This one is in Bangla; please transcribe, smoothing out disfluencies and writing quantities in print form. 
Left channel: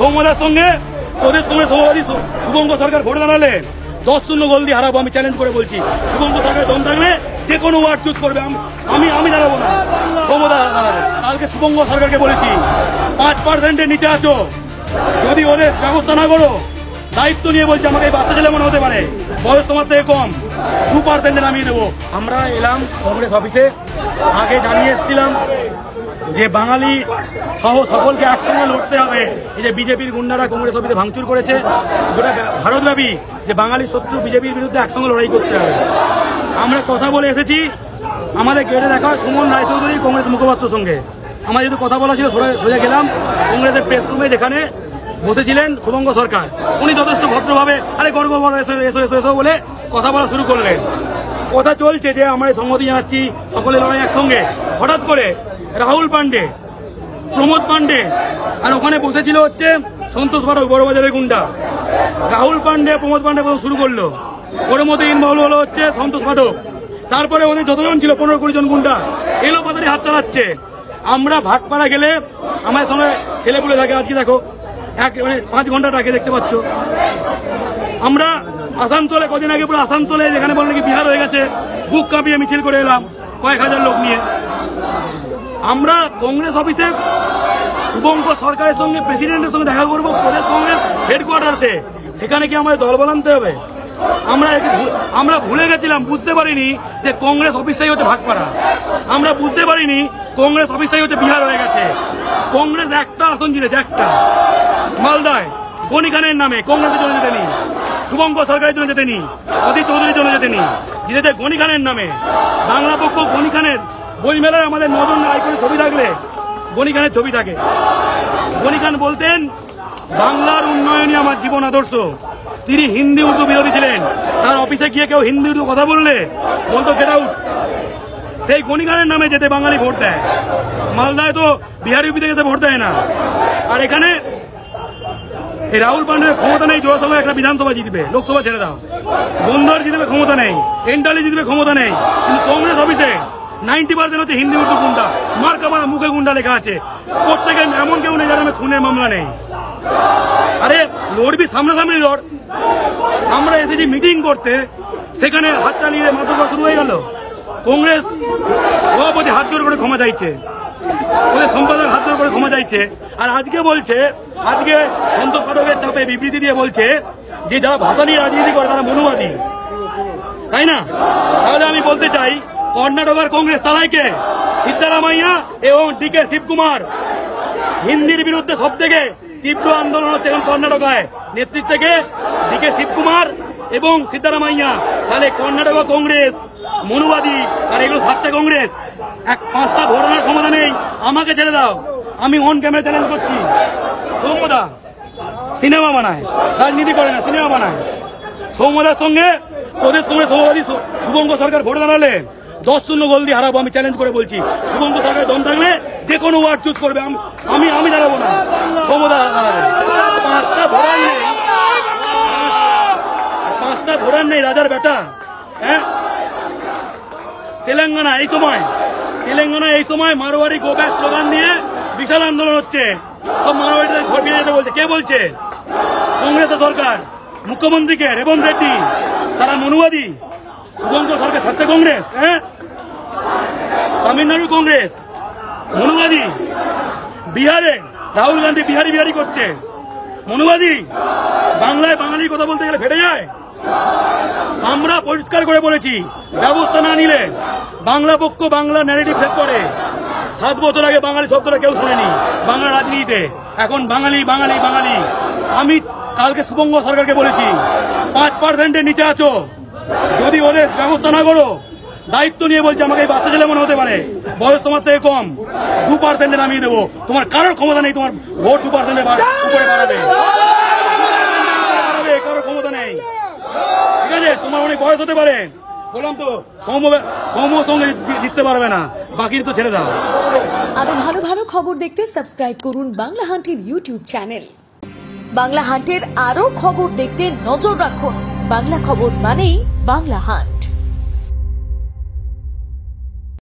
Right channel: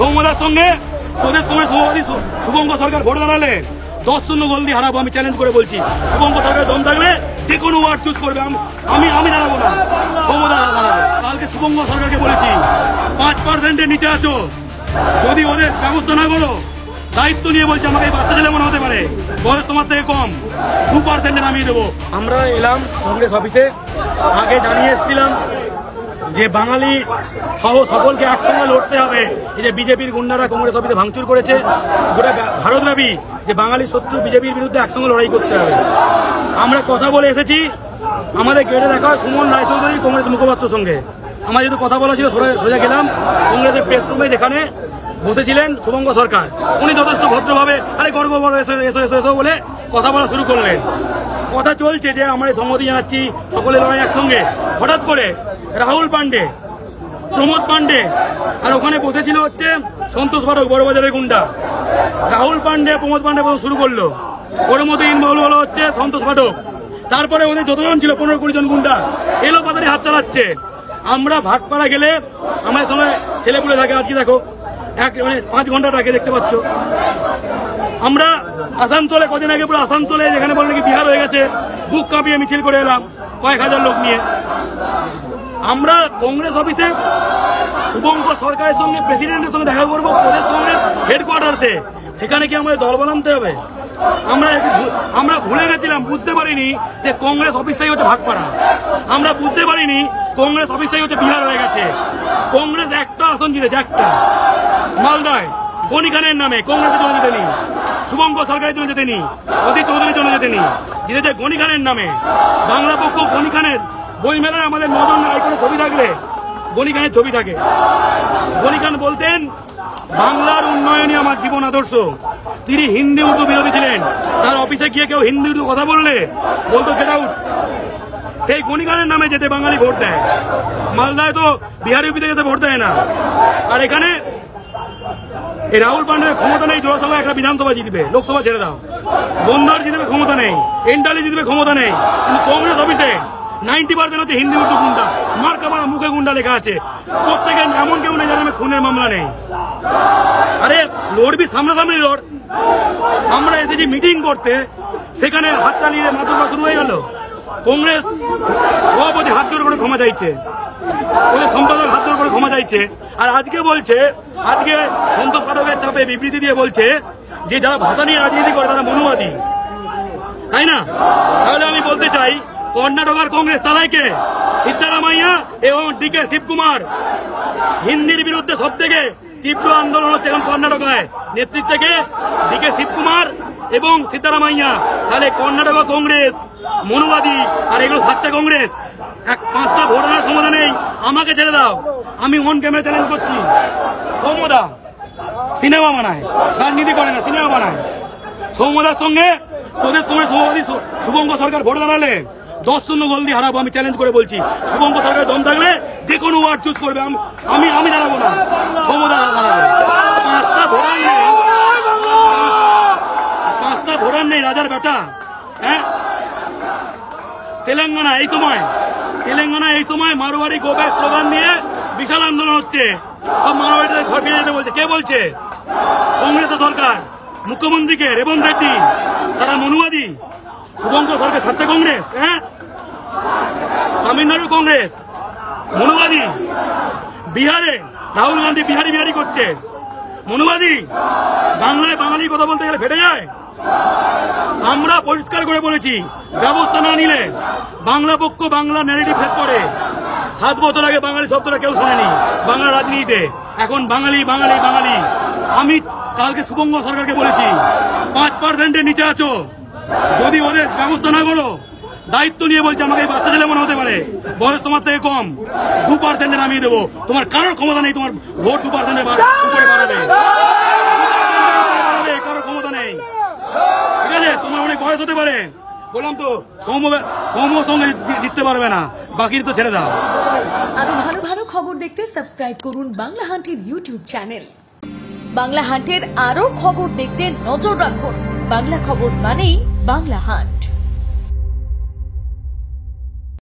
সৌম্যদার সঙ্গে প্রদেশ কংগ্রেস সভাপতি শুভঙ্কর সরকার ভোট দাঁড়ালেন 10-0 গোল দিয়ে হারাবো। আমি চ্যালেঞ্জ করে বলছি, শুভঙ্কর সরকার দম থাকলে যে কোনো ওয়ার্ড চুজ করবে, আমি দাঁড়াবো না, সৌম্যদা দাঁড়াবে। কালকে শুভঙ্কর সরকারকে বলেছি 5%-এর নিচে আছো, যদি ওদের ব্যবস্থা না করো দায়িত্ব নিয়ে বলছে আমাকে এই বাচ্চা ছেলে মনে হতে পারে, বয়স তোমার থেকে কম, 2%-এ নামিয়ে দেবো। আমরা এলাম কংগ্রেস অফিসে, আগে জানিয়ে এসেছিলাম যে বাঙালি সহ সকলকে একসঙ্গে লড়তে হবে। এই যে বিজেপির গুন্ডারা কংগ্রেস অফিসে ভাঙচুর করেছে, গোটা ভারতব্যাপী যে বাঙালি শত্রু বিজেপির বিরুদ্ধে একসঙ্গে লড়াই করতে হবে। আমরা কথা বলে এসেছি, আমাদের গেটে দেখা হয় সুমন রায়চৌধুরী কংগ্রেস মুখপাত্রের সঙ্গে। আমার যেহেতু কথা বলা ছিল সোজা গেলাম কংগ্রেসের প্রেস রুমে, যেখানে বসেছিলেন শুভঙ্কর সরকার। উনি যথেষ্ট ভদ্রভাবে আরে গর্ব বড় এসো বলে কথা বলা শুরু করলেন। কথা চলছে যে আমরা সংহতি জানাচ্ছি, সকলে লড়াই একসঙ্গে। হঠাৎ করে রাহুল পান্ডে, প্রমোদ পান্ডে আর ওখানে বসেছিল হচ্ছে সন্তোষ পাঠক, বড়বাজারের গুন্ডা। রাহুল পান্ডে, প্রমোদ পান্ডে প্রথম শুরু করলো, ওর মধ্যে ইনভলভ হলো হচ্ছে সন্তোষ পাঠক। তারপরে ওদের যতজন ছিল 15-20 জন গুন্ডা এলো পাতারি হাত চালাচ্ছে। আমরা ভাটপাড়া গেলে আমার সঙ্গে ছেলেপুলে থাকে, আজকে দেখো 5 ঘন্টা আগে দেখতে পাচ্ছ। আমরা আসানসোলে কদিন আগে পুরো আসানসোলে যেখানে বলে নাকি বিহার হয়ে গেছে, বুক কাঁপিয়ে মিছিল করে এলাম কয়েক হাজার লোক নিয়ে। আমরা কংগ্রেস অফিসে শুভঙ্কর সরকারের সঙ্গে প্রেসিডেন্টের সঙ্গে দেখা করবো প্রদেশ কংগ্রেস হেডকোয়ার্টার্সে, সেখানে কি আমাদের দল বানাতে হবে? আমরা ভুলে গেছিলাম, বুঝতে পারিনি যে কংগ্রেস অফিসটাই হচ্ছে ভাটপাড়া। আমরা বুঝতে পারিনি কংগ্রেস অফিসটাই হচ্ছে বিহার হয়ে গেছে। কংগ্রেস একটা আসন জিতেছে, একটা মালদায় গনি খানের নামে, কংগ্রেসের জন্য জিতেনি, শুভঙ্কর সরকারের জন্য জিতেনি, অধীর চৌধুরীর জন্য জিতেনি, জিতেছে গনি খানের নামে। বাংলা পক্ষ গনি খানের বই মেলায় আমাদের 9 জন আইকনের ছবি থাকলে গনি খানের ছবি থাকে। গনি খান বলতেন বাংলার উন্নয়নই আমার জীবন আদর্শ। তিনি হিন্দি উর্দু বিরোধী ছিলেন। তার অফিসে গিয়ে কেউ হিন্দি উর্দু কথা বললে বলতো গেট আউট। সেই গনি খানের নামে যেতে বাঙালি ভোট দেয়। মালদায় তো বিহারি ইউপি থেকে ভোট দেয় না। আর এখানে এই রাহুল পান্ডের ক্ষমতা নেই, জোড়াসভা একটা বিধানসভা জিতবে, লোকসভা ছেড়ে দাও, বন্দর জিতবে ক্ষমতা নেই, এন্টালি জিতবে ক্ষমতা নেই। কিন্তু কংগ্রেস অফিসে 90% হচ্ছে হিন্দি উর্দু গুন্ডা, মার্কা মারা মুখে গুন্ডা লেখা আছে। প্রত্যেকে এমন কেউ নেই যারা খুনের মামলা নেই। আরে লড়বি, সামনাসামনি লড়। আমরা এসেছি মিটিং করতে, সেখানে হাততালি মাধ্যমটা শুরু হয়ে গেল। কংগ্রেস সভাপতি হাত জোর করে ক্ষমা চাইছে, ওদের সম্পাদক হাত জোর করে ক্ষমা চাইছে। আর আজকে বলছে, আজকে সন্তোষ পাঠকের চাপে বিবৃতি দিয়ে বলছে যে যারা ভাষা নিয়ে রাজনীতি করে তারা মনুবাদী, তাই না? তাহলে আমি বলতে চাই কর্ণাটকের কংগ্রেস চালাইকে সিদ্ধারামাইয়া এবং ডিকে শিবকুমার। হিন্দির বিরুদ্ধে সব থেকে তীব্র আন্দোলন হচ্ছে এখন কর্ণাটকায়, নেতৃত্বে থেকে ডিকে শিবকুমার এবং সিদ্ধারামাইয়া। তাহলে কর্ণাটক কংগ্রেস মনুবাদী, আর এগুলো সাচ্চা কংগ্রেস। 5টা ভোট আনার ক্ষমতা নেই, আমাকে ছেড়ে দাও, আমি অন ক্যামেরা চ্যালেঞ্জ করছি। সৌম্যদা সিনেমা বানায়, রাজনীতি করে না, সিনেমা বানায়। সৌম্যদার সঙ্গে প্রদেশ কংগ্রেস সভাপতি শুভঙ্কর সরকার ভোট দাঁড়ালেন 10-0 গোল দিয়ে হারাবো। আমি চ্যালেঞ্জ করে বলছি, শুভঙ্কর সরকার দম থাকলে যে কোনো ওয়ার্ড চুজ করবে, আমি দাঁড়াবো না, সৌম্যদা দাঁড়াবে। 5টা ভোটার নেই রাজার বেটা। হ্যাঁ, তেলেঙ্গানা এই সময় মারোয়ারি গো ব্যাক স্লোগান দিয়ে বিশাল আন্দোলন হচ্ছে। সব মারোয়ারিদের ঘর ফিরে যেতে বলছে। কে বলছে? কংগ্রেস সরকার, মুখ্যমন্ত্রীকে রেবন্ত রেড্ডি, তারা মনুবাদী। শুভঙ্কর সরকার সাচ্চা কংগ্রেস। হ্যাঁ, তামিলনাড়ু কংগ্রেস মনুবাদী। বিহারে রাহুল গান্ধী বিহারি করছে, মনুবাদী। বাংলায় বাঙালির কথা বলতে গেলে ফেটে যায়। আমরা পরিষ্কার করে বলেছি, ব্যবস্থা না নিলে বাংলা পক্ষ বাংলা ন্যারেটিভ সেট করে। 7 বছর আগে বাঙালি শব্দটা কেউ শোনেনি বাংলা রাজনীতিতে, এখন বাঙালি বাঙালি বাঙালি। আমি কালকে শুভঙ্কর সরকারকে বলেছি 5%-এর নিচে আছো, যদি ওদের ব্যবস্থা না করো দায়িত্ব নিয়ে বলছে আমাকে এই বাচ্চা ছেলে মনে হতে পারে, বয়স তোমার থেকে কম, 2%-এ নামিয়ে দেবো। তোমার কারোর ক্ষমতা নেই তোমার ভোট 2%-এর উপরে বাড়াবে, কারোর ক্ষমতা নেই। ঠিক আছে, তোমার অনেক বয়স হতে পারে, বললাম তো সৌম্যর সঙ্গে জিততে পারবে না, বাকি তো ছেড়ে দাও। আরো ভালো ভালো খবর দেখতে সাবস্ক্রাইব করুন বাংলা হান্টের ইউটিউব চ্যানেল। বাংলা হান্টের আরো খবর দেখতে নজর রাখুন। বাংলা খবর মানেই বাংলা হান্ট।